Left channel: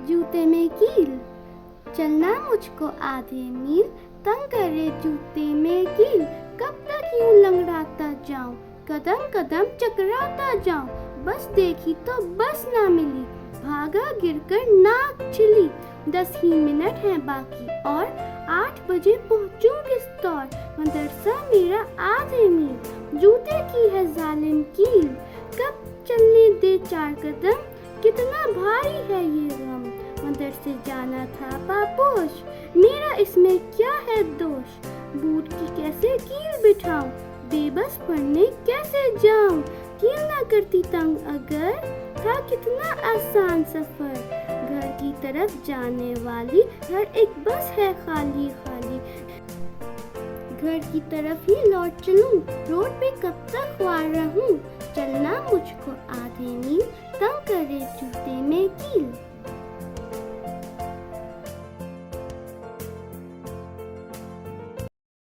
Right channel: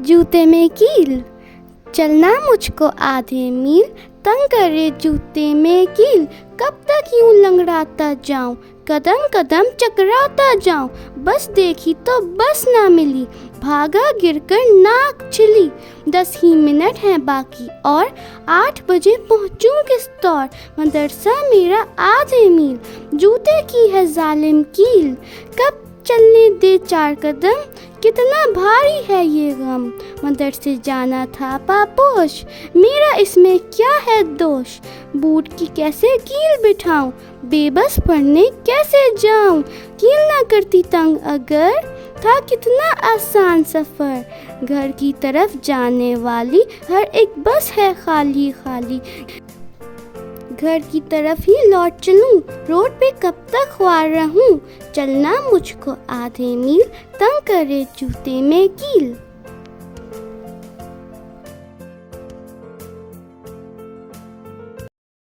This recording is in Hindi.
जूते में कील, चलना मुझको आधे मील, तंग करे जूते में कील, कब तक यूं लंगड़ाता जाऊं, कदम कदम चकराता जाऊं, बस देखी तो बस ना मिली, भागा गिरकर नाक छिली, 10 ही मिनट हैं बाकी और 8 बजे पहुंचूं किस तौर, मदरसा मेरा आधे मील, जूते की है जालिम कील, कब चलने दे 4 कदम, कितना भारी है ये गम, मदरसे जाना था पापोश, मेरा इसमें क्या है दोष, बूट की कैसे कील बिठाऊं, बेबस पढ़ने कैसे जाऊं, कील ना करती तंग अगर, था कितना आसान सफ़र, घर की तरफ जाने वाली हर एक बस है खाली खाली, घर की तरफ ही लौट चलूं, रोड पे कब तक ख्वार रहूं, चलना मुझको आधे मील, तंग करे जूते में कील.